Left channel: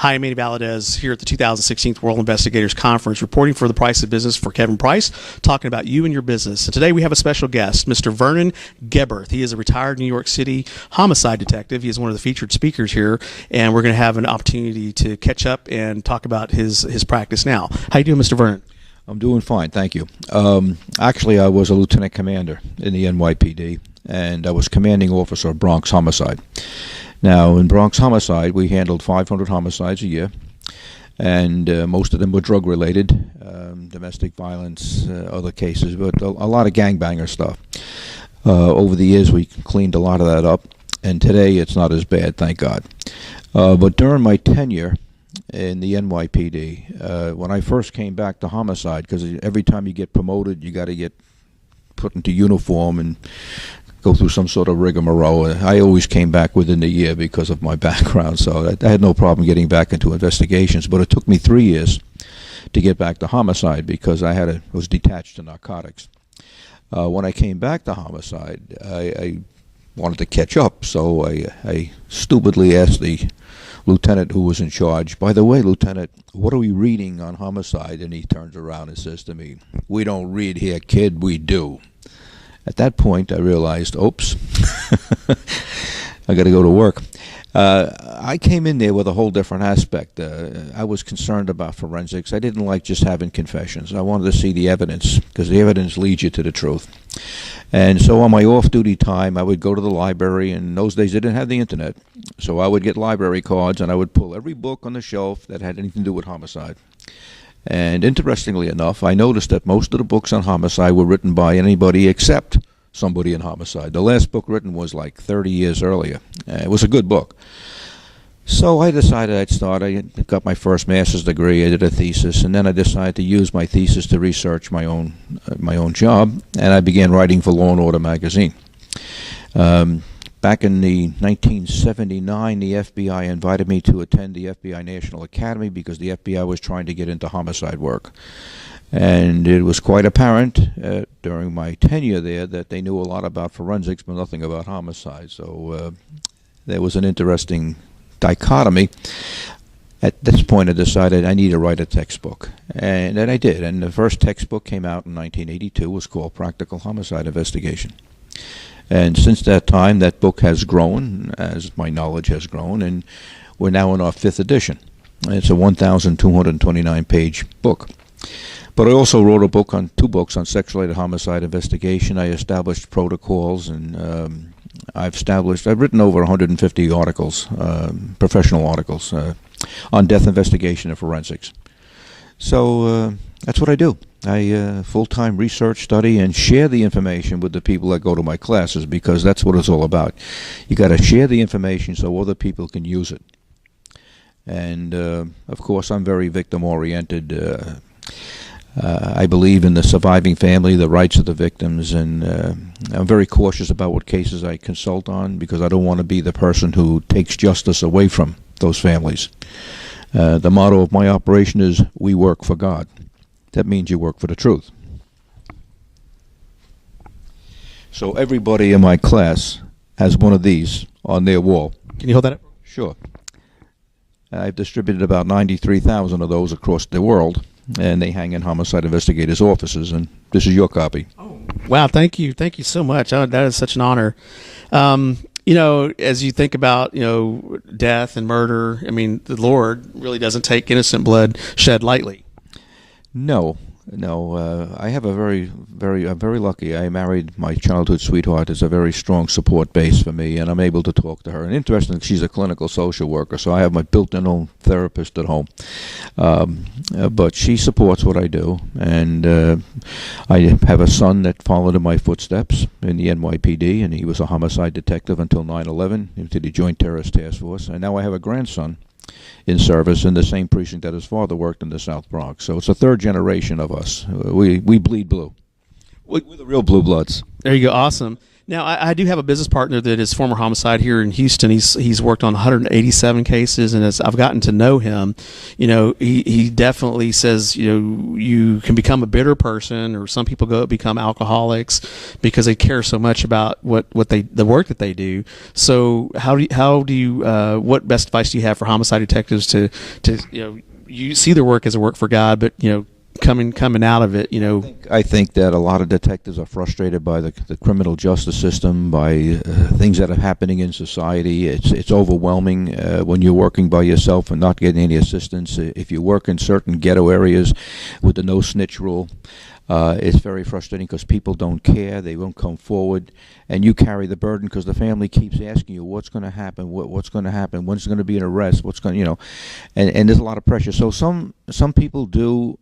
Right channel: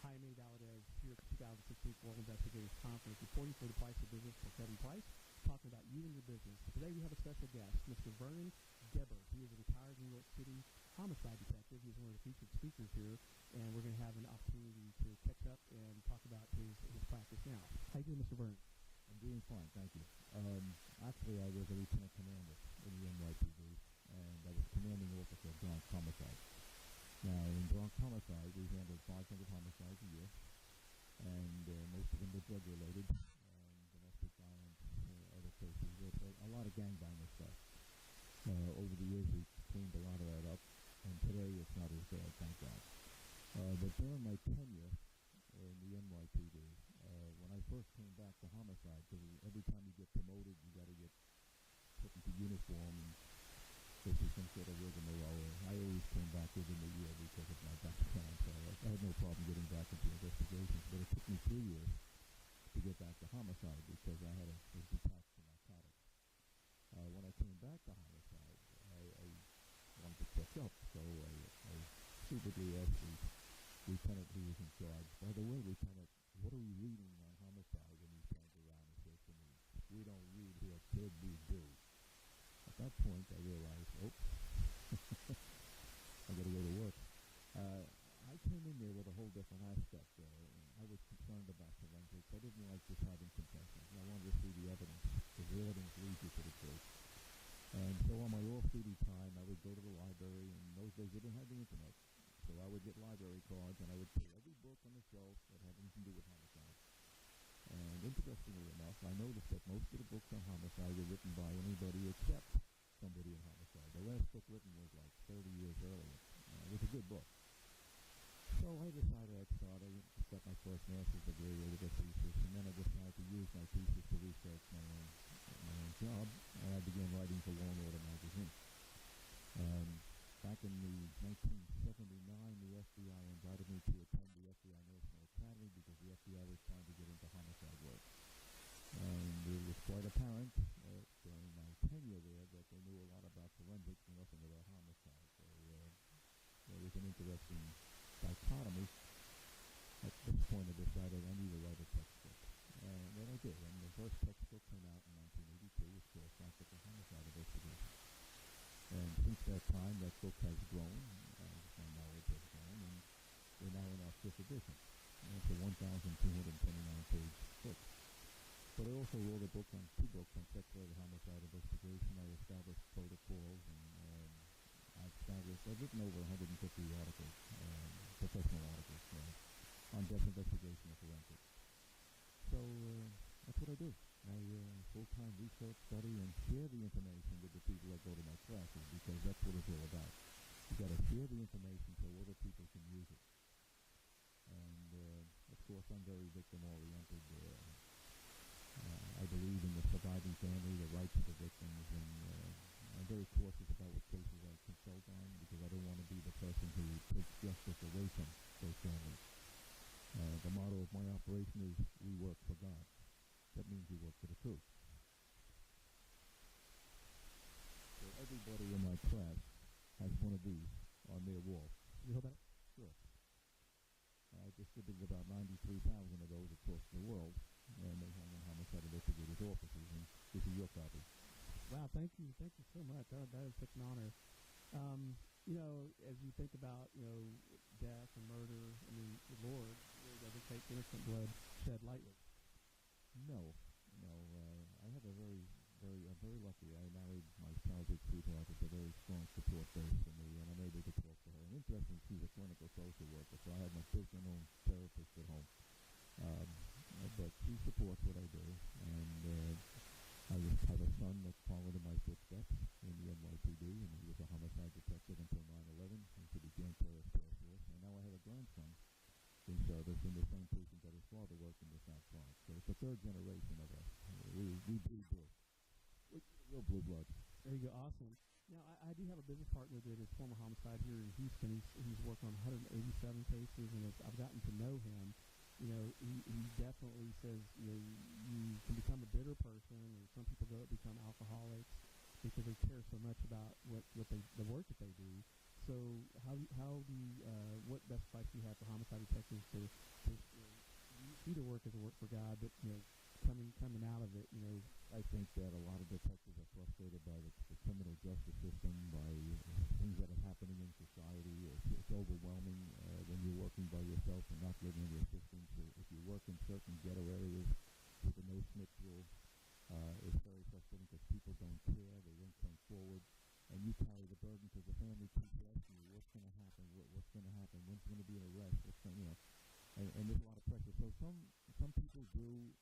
Hi, I'm Manny Valadez here at the 2016 World Investigators Conference, reporting for the Price of Business for Kevin Price, talking about you and your business. And today we have a special guest, Mr. Vernon Geberth. He is a retired New York City homicide detective. He is one of the featured speakers here, and we're going to have an opportunity to catch up and talk about his practice now. How you doing, Mr. Vernon? I'm doing fine, thank you. Actually, I was a lieutenant commander in the NYPD, and I was commanding officer of Bronx Homicide. Now, in Bronx Homicide, we handled 500 homicides a year, and most of them were drug-related, domestic violence, other cases, but a lot of gangbanger stuff. Over the years, we cleaned a lot of that up, and today it's not as bad, thank God. But during my tenure in the NYPD, when I first came back to homicide, because every time you get promoted, you got to get put into uniform and go through some sort of rigmarole. I always came back within a year because of my background, so I had no problem getting back into investigations. But it took me 3 years to get back to homicide because I was detached to narcotics. When I came back to homicide, I wanted to catch up, so I stupidly asked the lieutenant who was in charge, "By the way, Lieutenant, what are we reading on homicide?" And he turns around and says to me, "We don't read here, kid, we do." At that point, I realized, oops, I got to go to work. I came in there with a whole different aspect. I was concerned about forensics. I didn't like just having confessions. I wanted to see the evidence, because the evidence leads you to the truth. And so on my off-duty time, I would go to the library. In those days, they didn't have the internet. So I would get library cards, and I would pull every book on the shelf that had anything to do with homicide. And interestingly enough, I noticed that most of the books on homicide were written by anybody except somebody in homicide. The last book written was like 30 years earlier. It was a good book. So I decided I'd start. I got my first master's degree. I did a thesis, and then I decided to use my thesis to research my own job, and I began writing for Law and Order magazine. Back in the 1979, the FBI invited me to attend the FBI National Academy because the FBI was trying to get into homicide work. And it was quite apparent during my tenure there that they knew a lot about forensics but nothing about homicide. So there was an interesting dichotomy. At this point, I decided I need to write a textbook. And then I did. And the first textbook came out in 1982. It was called Practical Homicide Investigation. And since that time, that book has grown, as my knowledge has grown, and we're now in our 5th edition. It's a 1,229-page book. But I also wrote two books on sex-related homicide investigation. I established protocols, and I've written over 150 articles, professional articles, on death investigation and forensics. So that's what I do. I full-time research, study, and share the information with the people that go to my classes, because that's what it's all about. You got to share the information so other people can use it. And of course, I'm very victim-oriented. I believe in the surviving family, the rights of the victims, and I'm very cautious about what cases I consult on, because I don't want to be the person who takes justice away from those families. The motto of my operation is, "We work for God." That means you work for the truth. So everybody in my class has one of these on their wall. Can you hold that up? Sure. I've distributed about 93,000 of those across the world, and they hang in homicide investigators' offices, and this is your copy. Oh, wow, thank you so much. That is such an honor. You know, as you think about, death and murder, I mean, the Lord really doesn't take innocent blood shed lightly. No. I have I'm very lucky. I married my childhood sweetheart. It's a very strong support base for me, and I'm able to talk to her. And interestingly, she's a clinical social worker, so I have my built-in own therapist at home. But she supports what I do, and I have a son that followed in my footsteps in the NYPD, and he was a homicide detective until 9/11, into the Joint Terrorist Task Force. And now I have a grandson in service in the same precinct that his father worked in the South Bronx. So it's a third generation of us. We bleed blue. We're the real blue bloods. There you go. Awesome. Now, I do have a business partner that is former homicide here in Houston. He's worked on 187 cases, and as I've gotten to know him, he definitely says, you can become a bitter person, or some people become alcoholics because they care so much about the work that they do. So what best advice do you have for homicide detectives to you see their work as a work for God, but coming out of it, I think that a lot of detectives are frustrated by the criminal justice system, by things that are happening in society. It's overwhelming when you're working by yourself and not getting any assistance. If you work in certain ghetto areas with the no snitch rule, it's very frustrating because people don't care. They won't come forward, and you carry the burden because the family keeps asking you, what's going to happen? What's going to happen? When's going to be an arrest? What's going, and there's a lot of pressure. So some people do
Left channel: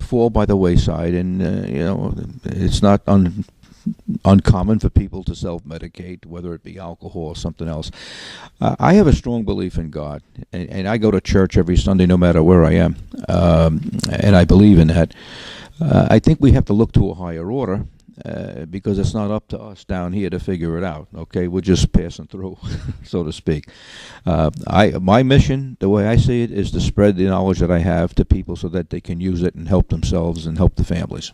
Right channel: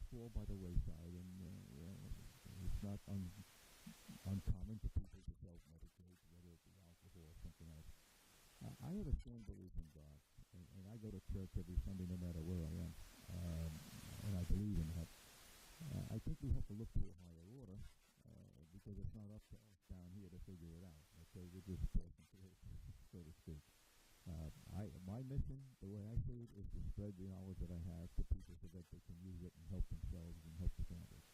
fall by the wayside, and it's not uncommon for people to self-medicate, whether it be alcohol or something else. I have a strong belief in God, and I go to church every Sunday no matter where I am, and I believe in that. I think we have to look to a higher order because it's not up to us down here to figure it out. Okay, we're just passing through, so to speak. My mission, the way I see it, is to spread the knowledge that I have to people so that they can use it and help themselves and help the families.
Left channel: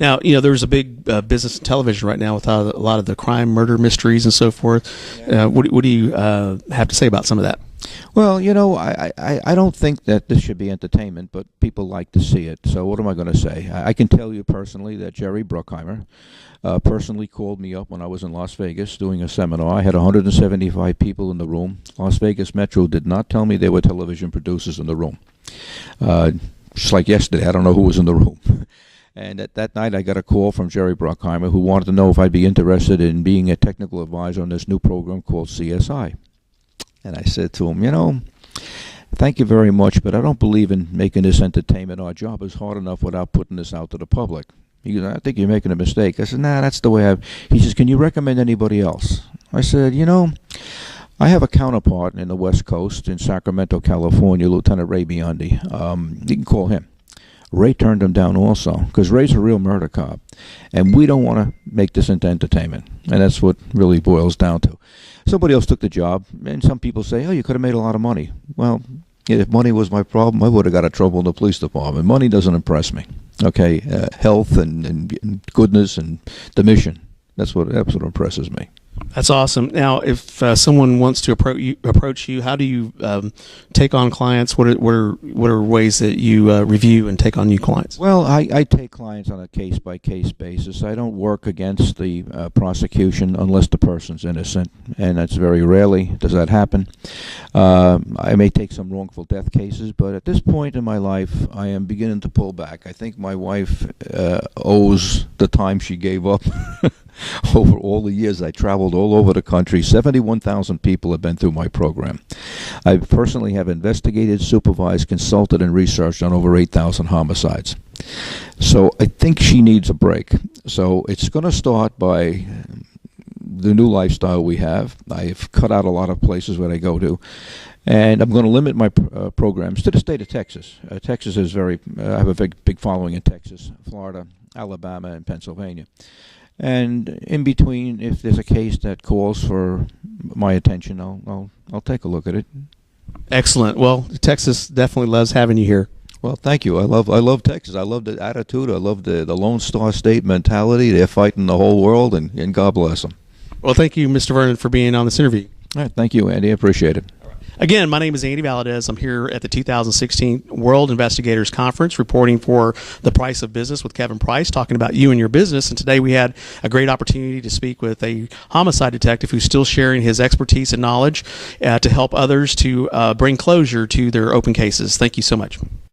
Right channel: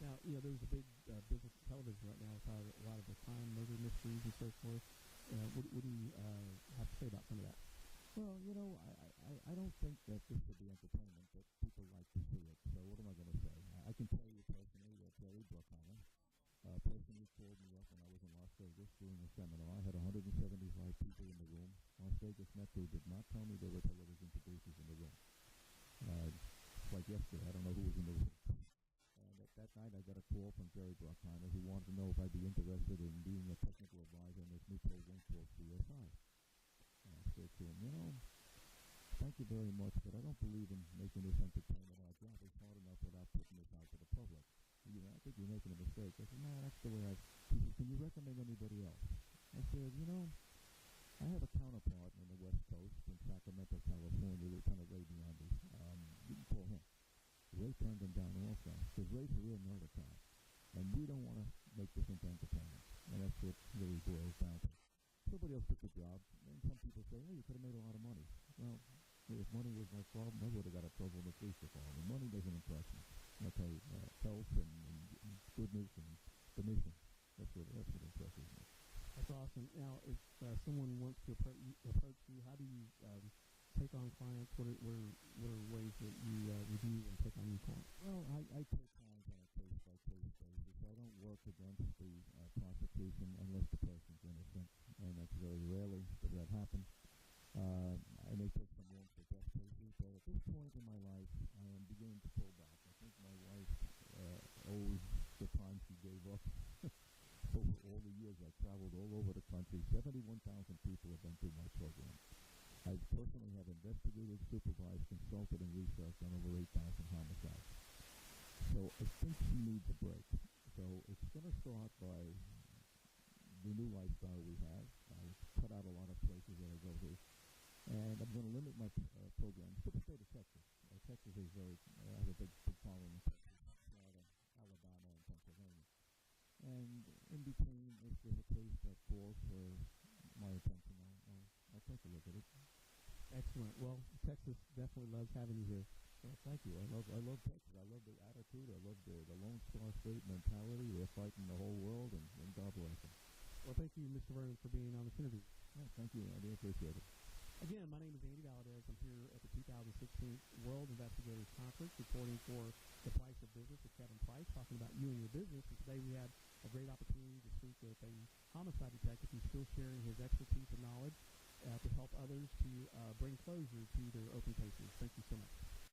Now, there's a big business in television right now with a lot of the crime, murder mysteries and so forth. What do you have to say about some of that? Well, I don't think that this should be entertainment, but people like to see it. So what am I going to say? I can tell you personally that Jerry Bruckheimer personally called me up when I was in Las Vegas doing a seminar. I had 175 people in the room. Las Vegas Metro did not tell me there were television producers in the room. Just like yesterday, I don't know who was in the room. And at that night, I got a call from Jerry Bruckheimer, who wanted to know if I'd be interested in being a technical advisor on this new program called CSI. And I said to him, thank you very much, but I don't believe in making this entertainment. Our job is hard enough without putting this out to the public. He goes, I think you're making a mistake. I said, nah, that's the way He says, can you recommend anybody else? I said, I have a counterpart in the West Coast in Sacramento, California, Lieutenant Ray Biondi. You can call him. Ray turned him down also because Ray's a real murder cop, and we don't want to make this into entertainment, and that's what really boils down to. Somebody else took the job, and some people say, oh, you could have made a lot of money. Well, if money was my problem, I would have got in trouble in the police department. Money doesn't impress me. Okay, health and goodness and the mission. That's what impresses me. That's awesome. Now, if someone wants to approach you, how do you take on clients? What are ways that you review and take on new clients? Well, I take clients on a case-by-case basis. I don't work against the prosecution unless the person's innocent, and that's very rarely does that happen. I may take some wrongful death cases, but at this point in my life, I am beginning to pull back. I think my wife owes the time she gave up. Over all the years, I traveled all over the country. 71,000 people have been through my program. I personally have investigated, supervised, consulted, and researched on over 8,000 homicides. So I think she needs a break. So it's going to start by the new lifestyle we have. I've cut out a lot of places where I go to. And I'm going to limit my programs to the state of Texas. Texas is I have a big following in Texas, Florida, Alabama, and Pennsylvania. And in between, if there's a case that calls for my attention, I'll take a look at it. Excellent. Well, Texas definitely loves having you here. Well, thank you. I love Texas. I love the attitude. I love the Lone Star State mentality. They're fighting the whole world, and God bless them. Well, thank you, Mr. Vernon, for being on this interview. All right, thank you, Andy. I appreciate it. Again, my name is Andy Valadez. I'm here at the 2016 World Investigators Conference reporting for The Price of Business with Kevin Price, talking about you and your business. And today we had a great opportunity to speak with a homicide detective who's still sharing his expertise and knowledge to help others to bring closure to their open cases. Thank you so much.